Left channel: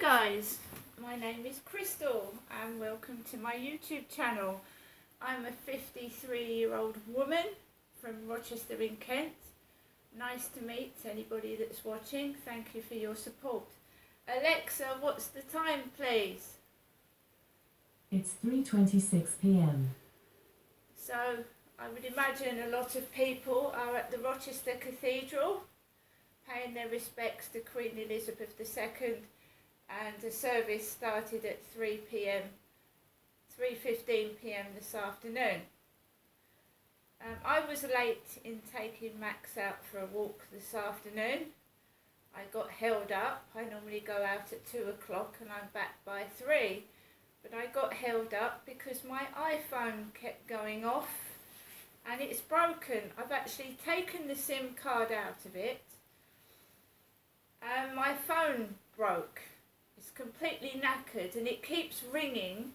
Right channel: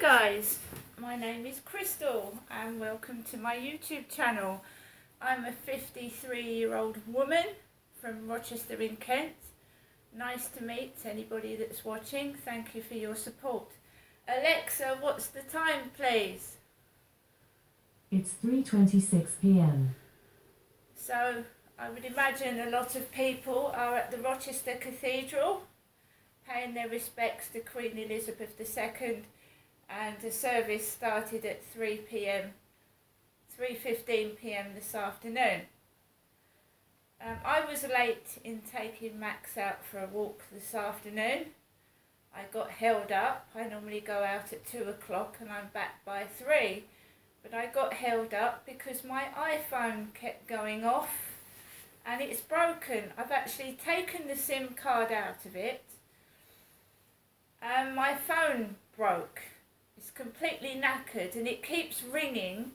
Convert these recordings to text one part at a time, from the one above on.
Guys, my name is Crystal and welcome to my YouTube channel. I'm a 53-year-old woman from Rochester in Kent. Nice to meet anybody that's watching. Thank you for your support. Alexa, what's the time, please? It's 3:26 p.m. So I would imagine a lot of people are at the Rochester Cathedral paying their respects to Queen Elizabeth II, and the service started at 3:15 p.m. this afternoon. I was late in taking Max out for a walk this afternoon. I got held up. I normally go out at 2 o'clock and I'm back by 3. But I got held up because my iPhone kept going off and it's broken. I've actually taken the SIM card out of it and my phone broke. It's completely knackered and it keeps ringing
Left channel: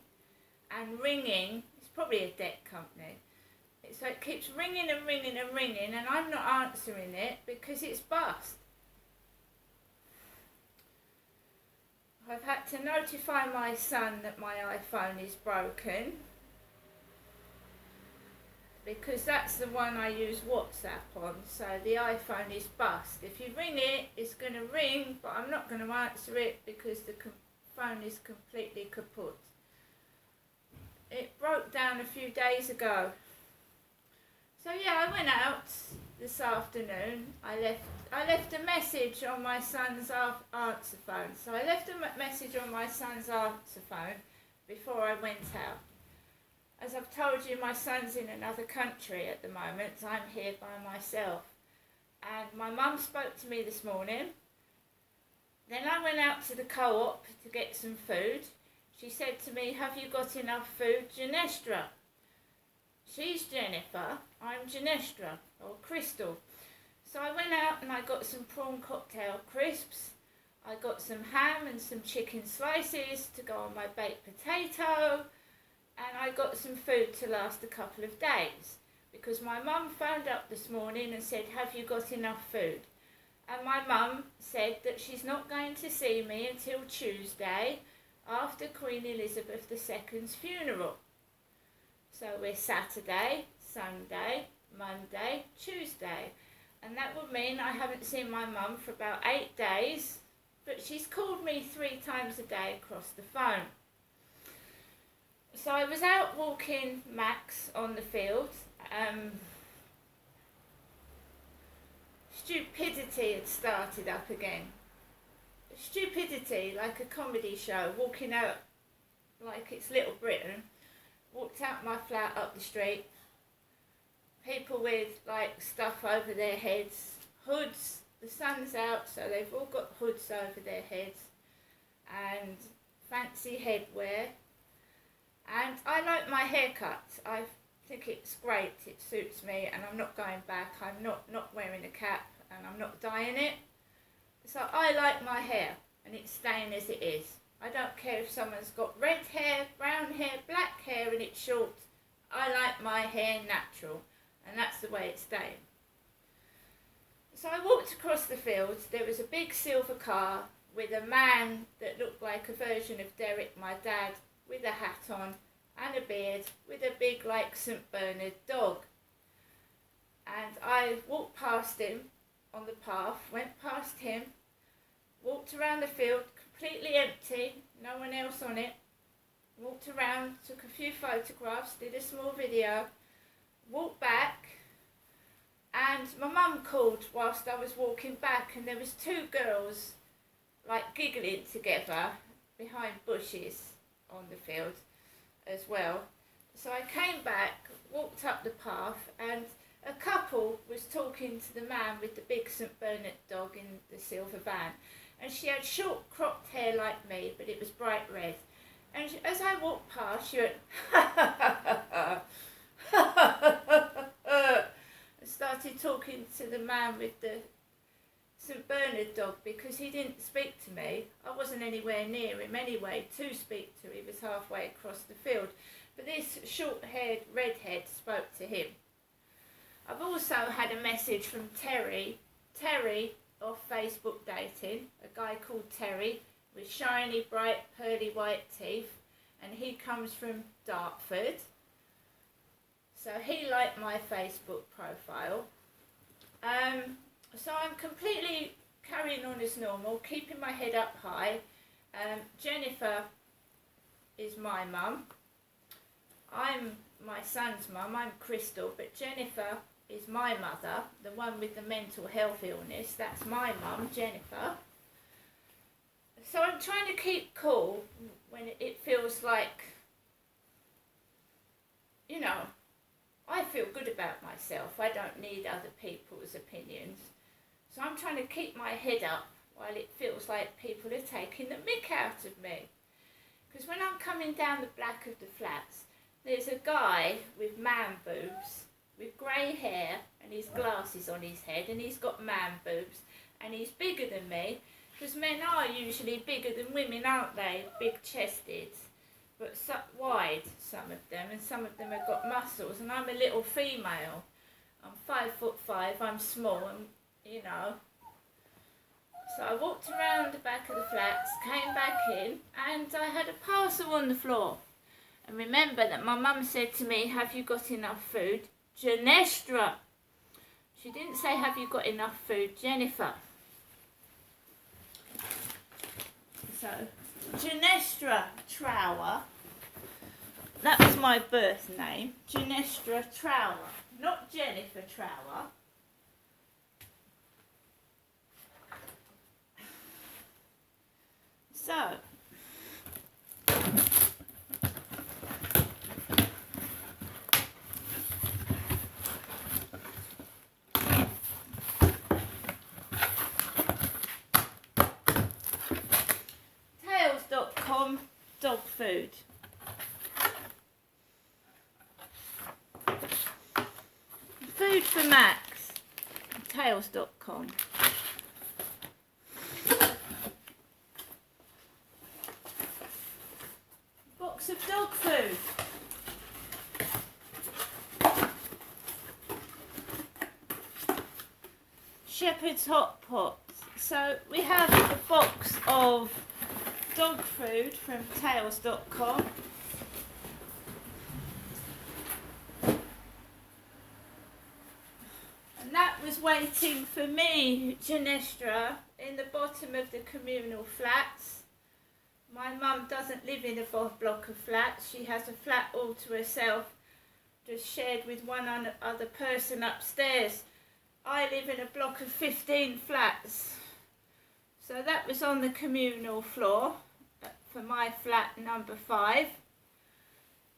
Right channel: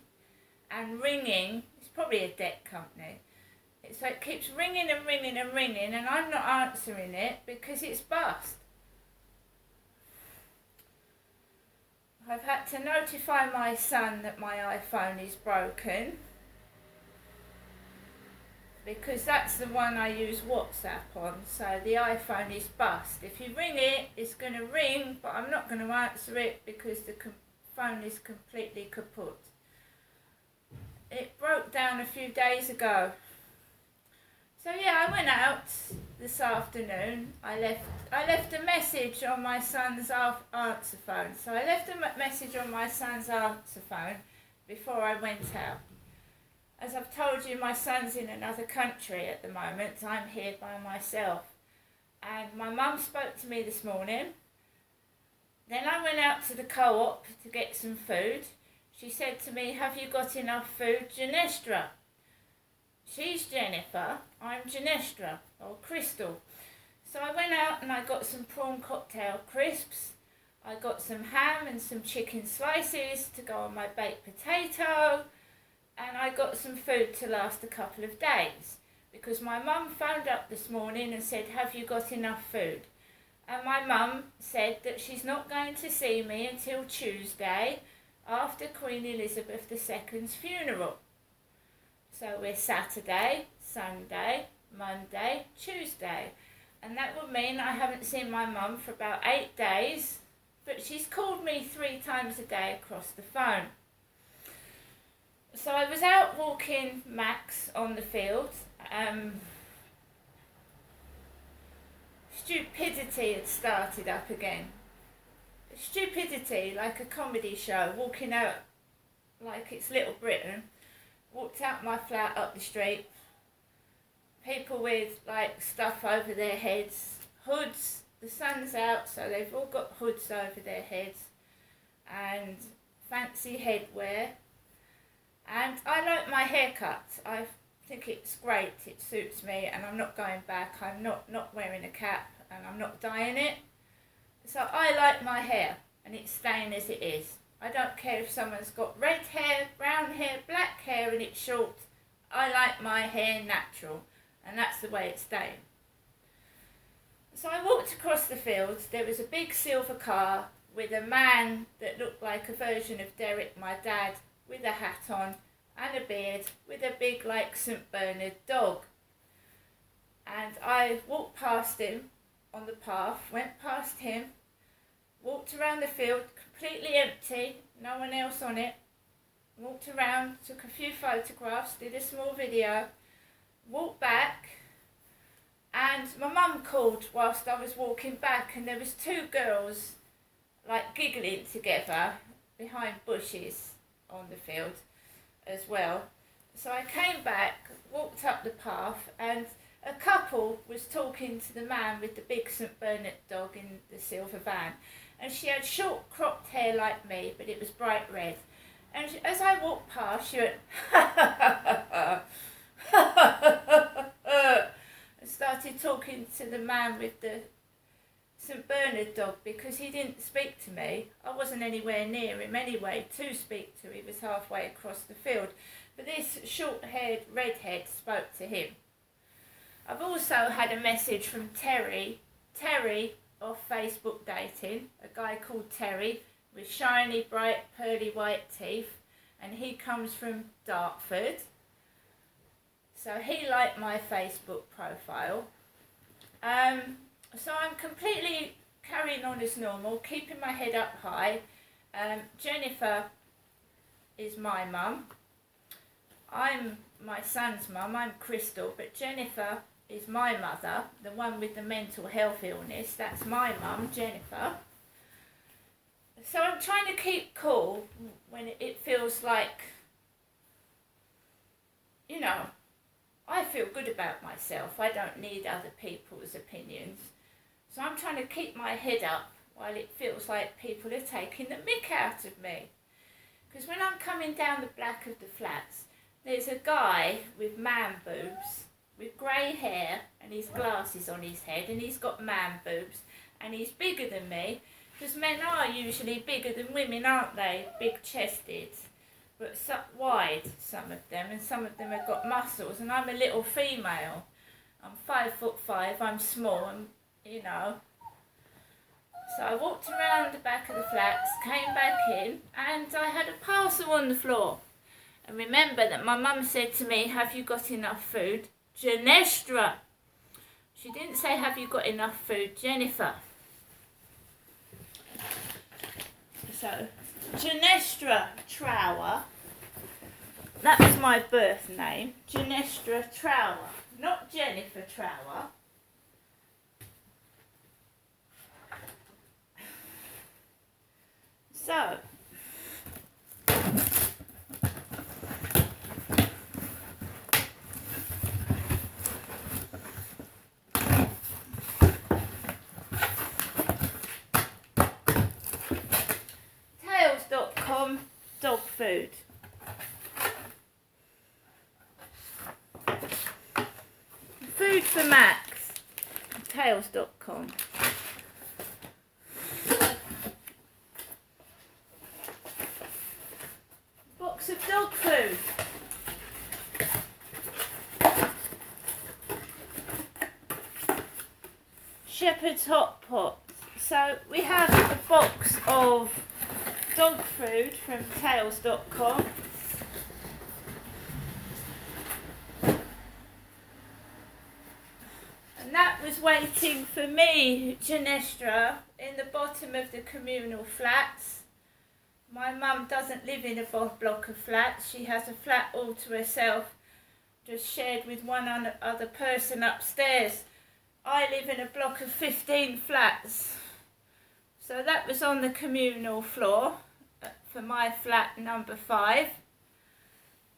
and ringing. It's probably a debt company. So it keeps ringing and ringing and ringing and I'm not answering it because it's bust. I've had to notify my son that my iPhone is broken because that's the one I use WhatsApp on, so the iPhone is bust. If you ring it, it's going to ring, but I'm not going to answer it because the phone is completely kaput. It broke down a few days ago. So yeah, I went out this afternoon. I left a message on my son's answer phone. So I left a message on my son's answer phone before I went out. As I've told you, my son's in another country at the moment. I'm here by myself. And my mum spoke to me this morning. Then I went out to the co-op to get some food. She said to me, "Have you got enough food, Genestra?" She's Jennifer, I'm Genestra, or Crystal. So I went out and I got some prawn cocktail crisps. I got some ham and some chicken slices to go on my baked potato. And I got some food to last a couple of days. Because my mum phoned up this morning and said, "Have you got enough food?" And my mum said that she's not going to see me until Tuesday after Queen Elizabeth II's funeral. So we're Saturday, Sunday, Monday, Tuesday. And that would mean I haven't seen my mum for about 8 days, but she's called me 3 times a day across the phone. So I was out walking Max on the field. Stupidity had started up again. Stupidity, like a comedy show, walking out like it's Little Britain. Walked out my flat up the street. People with like stuff over their heads, hoods. The sun's out, so they've all got hoods over their heads and fancy headwear. And I like my haircut. I think it's great. It suits me, and I'm not going back. I'm not wearing a cap, and I'm not dyeing it. So I like my hair, and it's staying as it is. I don't care if someone's got red hair, brown hair, black hair and it's short. I like my hair natural and that's the way it's staying. So I walked across the fields. There was a big silver car with a man that looked like a version of Derek, my dad, with a hat on and a beard with a big like St. Bernard dog. And I walked past him on the path, went past him, walked around the field, completely empty, no one else on it, walked around, took a few photographs, did a small video, walked back, and my mum called whilst I was walking back, and there was 2 girls like giggling together behind bushes on the field as well. So I came back, walked up the path, and a couple was talking to the man with the big St. Bernard dog in the silver van. And she had short cropped hair like me, but it was bright red. And as I walked past, she went, ha ha ha ha ha ha, and started talking to the man with the St. Bernard dog because he didn't speak to me. I wasn't anywhere near him anyway to speak to. He was halfway across the field. But this short-haired redhead spoke to him. I've also had a message from Terry off Facebook dating, a guy called Terry. with shiny, bright, pearly white teeth, and he comes from Dartford. So he liked my Facebook profile. So I'm completely carrying on as normal, keeping my head up high. Jennifer is my mum. I'm my son's mum, I'm Crystal, but Jennifer is my mother, the one with the mental health illness. That's my mum, Jennifer. So I'm trying to keep cool when it feels like, you know, I feel good about myself. I don't need other people's opinions. So I'm trying to keep my head up while it feels like people are taking the mick out of me. Because when I'm coming down the back of the flats, there's a guy with man boobs, with grey hair and his glasses on his head, and he's got man boobs, and he's bigger than me, because men are usually bigger than women, aren't they? Big chested, but wide, some of them, and some of them have got muscles, and I'm a little female. I'm 5'5", I'm small, and you know. So I walked around the back of the flats, came back in, and I had a parcel on the floor. And remember that my mum said to me, have you got enough food? Genestra. She didn't say, have you got enough food, Jennifer? So, Genestra Trower, that was my birth name, Genestra Trower, not Jennifer Trower. So, Tails.com dog food. Food for Max. Tails.com. Box of dog food. Shepherd's Hot Pots. So we have a box of dog food from Tails.com. And that was waiting for me, Genestra, in the bottom of the communal flats. My mum doesn't live in a block of flats. She has a flat all to herself, just shared with one other person upstairs. I live in a block of 15 flats. So that was on the communal floor for my flat number 5.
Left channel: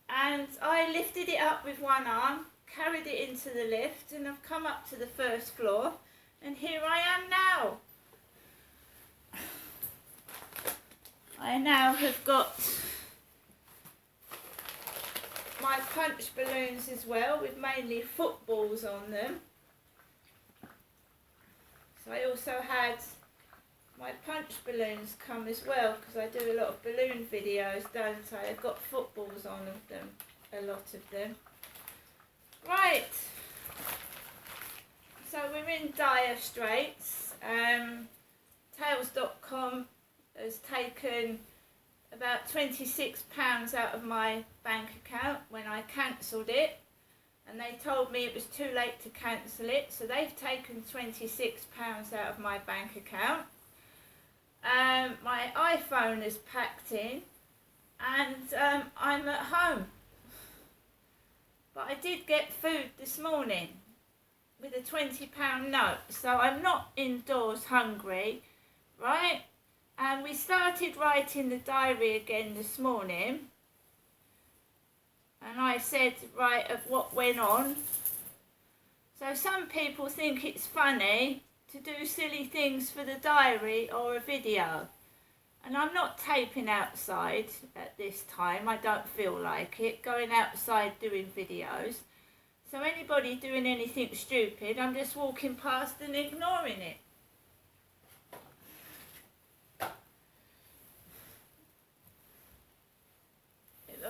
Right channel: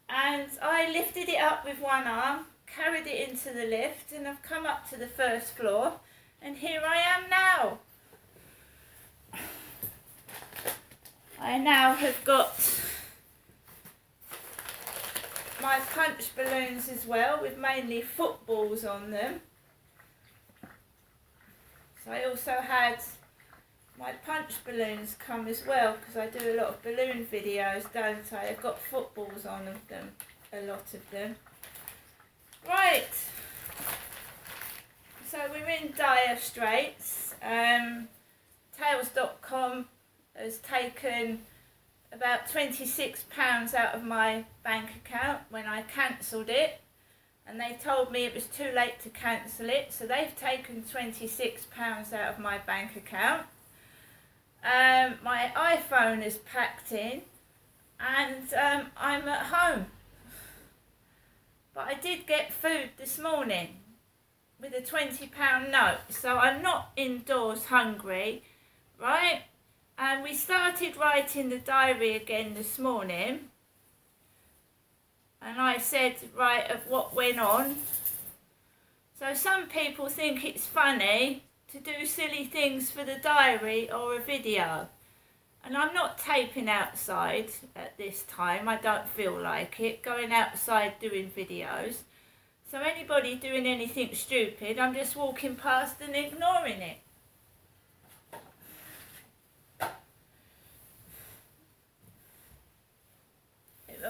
And I lifted it up with one arm, carried it into the lift, and I've come up to the first floor, and here I am now. I now have got my punch balloons as well, with mainly footballs on them. So I also had my punch balloons come as well, because I do a lot of balloon videos, don't I? I've got footballs on them, a lot of them. Right, so we're in dire straits. Tails.com has taken about £26 out of my bank account when I cancelled it, and they told me it was too late to cancel it, so they've taken £26 out of my bank account. My iPhone is packed in, and I'm at home. But I did get food this morning with a £20 note, so I'm not indoors hungry, right? And we started writing the diary again this morning, and I said, right, of what went on. So some people think it's funny to do silly things for the diary or a video. And I'm not taping outside at this time. I don't feel like it, going outside doing videos. So anybody doing anything stupid, I'm just walking past and ignoring it.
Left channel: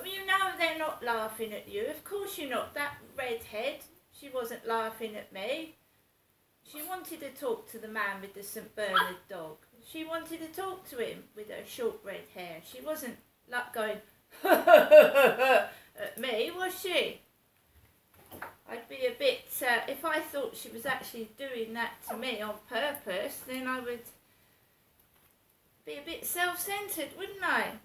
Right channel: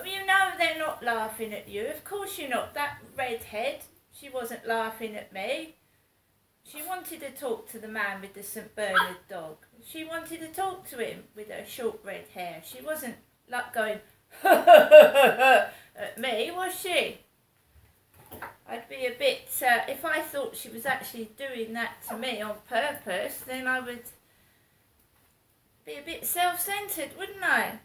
You know they're not laughing at you. Of course you're not. That redhead, she wasn't laughing at me. She wanted to talk to the man with the St Bernard dog. She wanted to talk to him with her short red hair. She wasn't like going at me, was she? I'd be a bit, if I thought she was actually doing that to me on purpose, then I would be a bit self-centred, wouldn't I?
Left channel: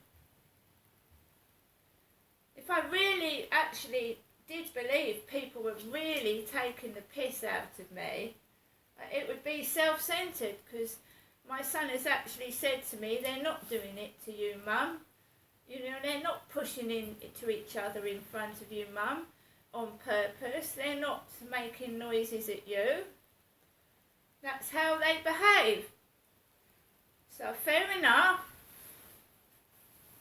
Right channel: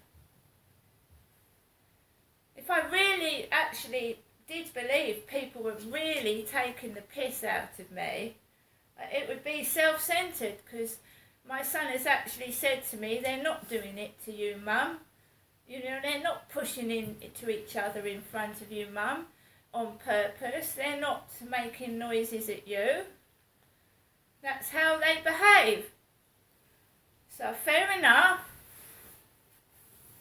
If I really actually did believe people were really taking the piss out of me, it would be self-centred, because my son has actually said to me, they're not doing it to you, Mum. You know, they're not pushing into each other in front of you, Mum, on purpose. They're not making noises at you. That's how they behave. So fair enough.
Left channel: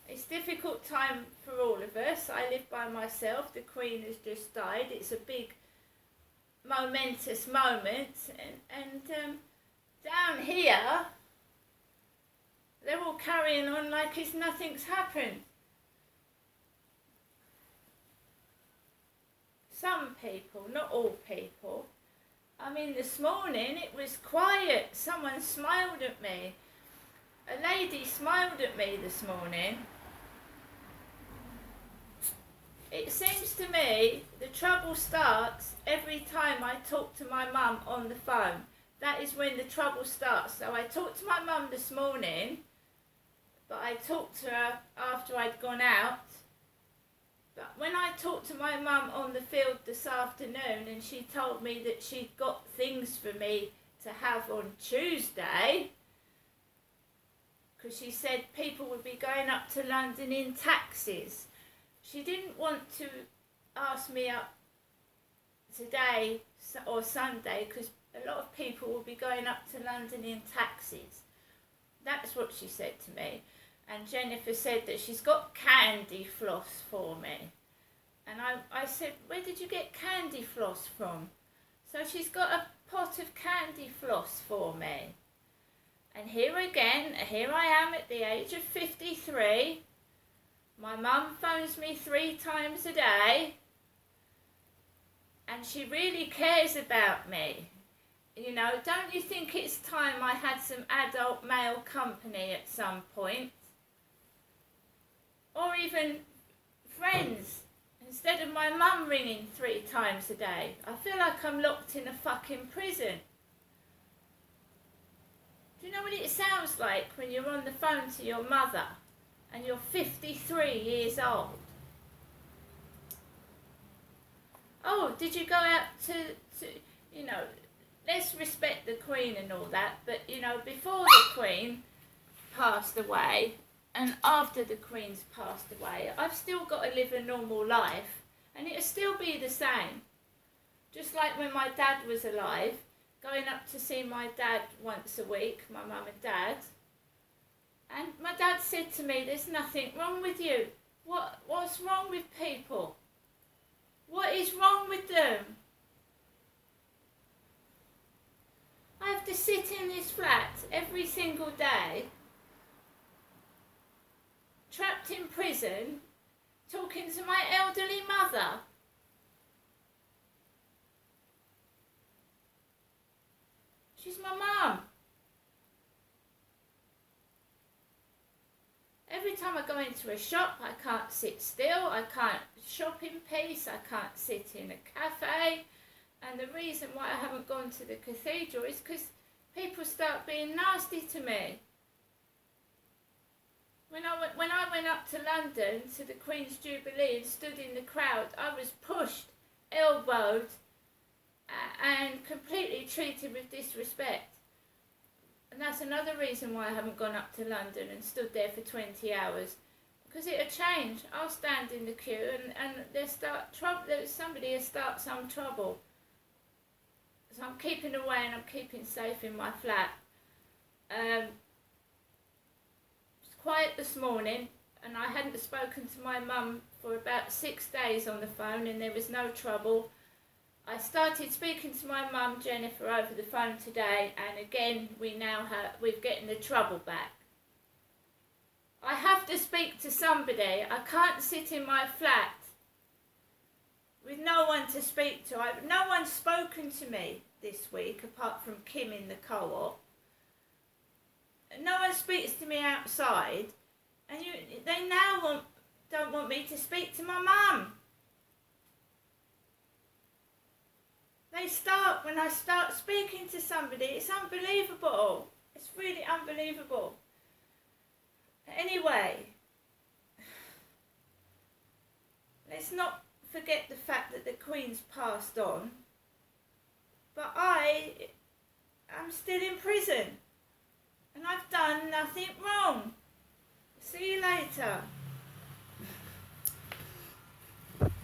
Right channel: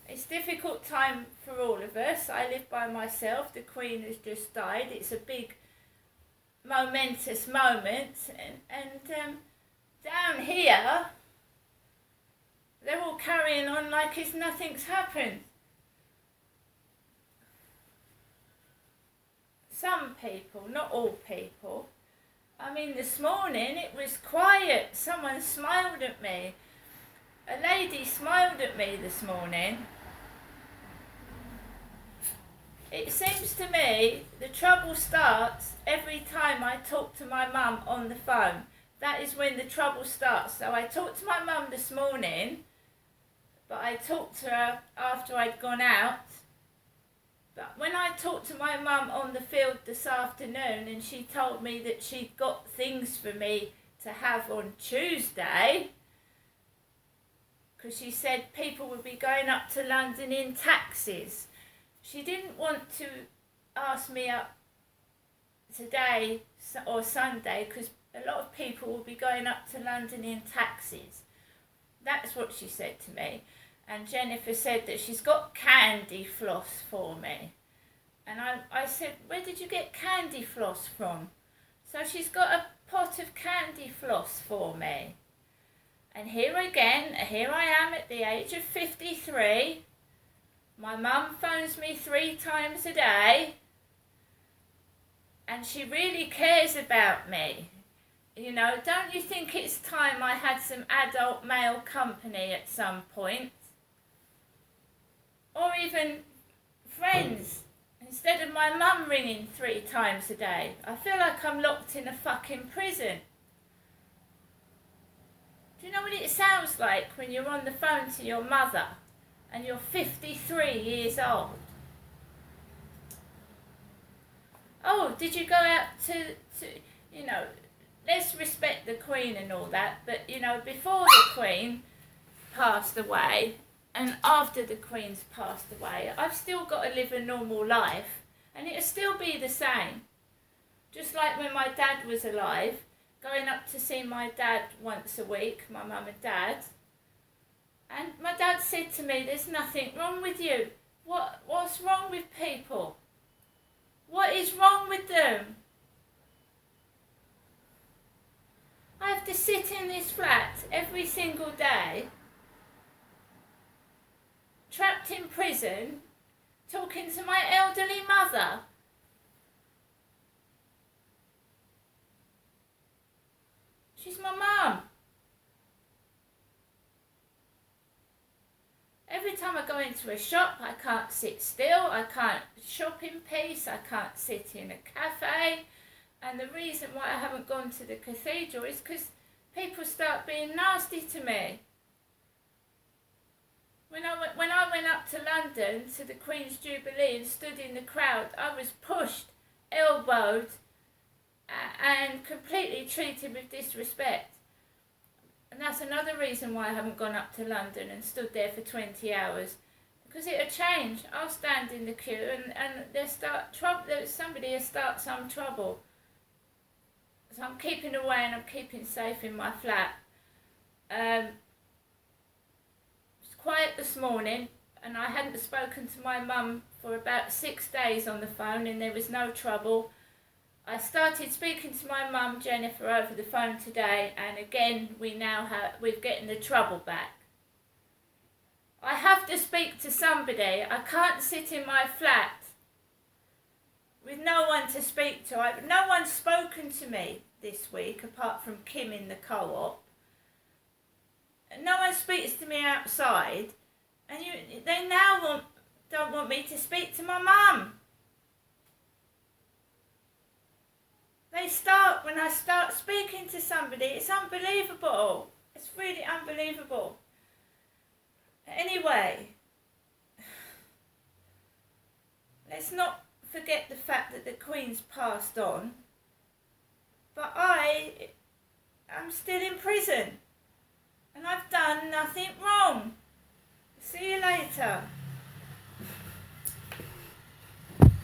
It's a difficult time for all of us. I live by myself. The Queen has just died. It's a big, momentous moment. And down here, they're all carrying on like it's nothing's happened. Some people, not all people. I mean, this morning it was quiet. Someone smiled at me. A lady smiled at me this morning. It seems to me the trouble starts every time I talk to my mum on the phone. That is when the trouble starts. So I talked to my mum this morning, but I talked to her after I'd gone out. But when I talked to my mum on the field this afternoon, and she told me that she'd got things for me to have on Tuesday, because she said people would be going up to London in taxis. She didn't want to ask me up today or Sunday, because a lot of people will be going up to London in taxis. That's what she said to me. And Jennifer said that she's got candy floss for me. And I said, where did you get candy floss from? So she's got a pot of candy floss for me. And here again, here I am at the age of 53. My mum phones me 3 times a day. And she really cares about me. You know, don't you think it's time I had some adult male company at some point? Or even friends, instead of my mum ringing 3 times a day. I feel like I'm locked in a fucking prison. Do you know what it sounds like when you're on the phone to your mother and you're 53 years old? Oh, did you go out to you know, let's respect the Queen and all that, but, you know, before the Queen passed away, and after the Queen's passed away, I've still got to live a normal life, and it'll still be the same. Just like when my dad was alive, going up to see my dad once a week, my mum and dad, and my dad said to me, there's nothing wrong with you. What's wrong with people? What is wrong with them? I have to sit in this flat every single day, trapped in prison, talking to my elderly mother. She's my mum. Every time I go into a shop, I can't sit still, I can't shop in peace, I can't sit in a cafe. And the reason why I haven't gone to the cathedral is because people start being nasty to me. When I went up to London to the Queen's Jubilee and stood in the crowd, I was pushed, elbowed, and completely treated with disrespect. And that's another reason why I haven't gone up to London and stood there for 20 hours. Because it'll change. I'll stand in the queue and somebody will start some trouble. So I'm keeping away and I'm keeping safe in my flat. It's quiet this morning, and I hadn't spoken to my mum for about 6 days on the phone, and there was no trouble. I started speaking to my mum, Jennifer, over the phone today, and again we're getting the trouble back. I have to speak to somebody. I can't sit in my flat with no one to speak to. No one's spoken to me. this week, apart from Kim in the co-op. No one speaks to me outside, and they now don't want me to speak to my mum. When I start speaking to somebody, it's unbelievable. It's really unbelievable. Anyway, let's not forget the fact that the Queen's passed on, but I'm still in prison, and I've done nothing wrong. See you later.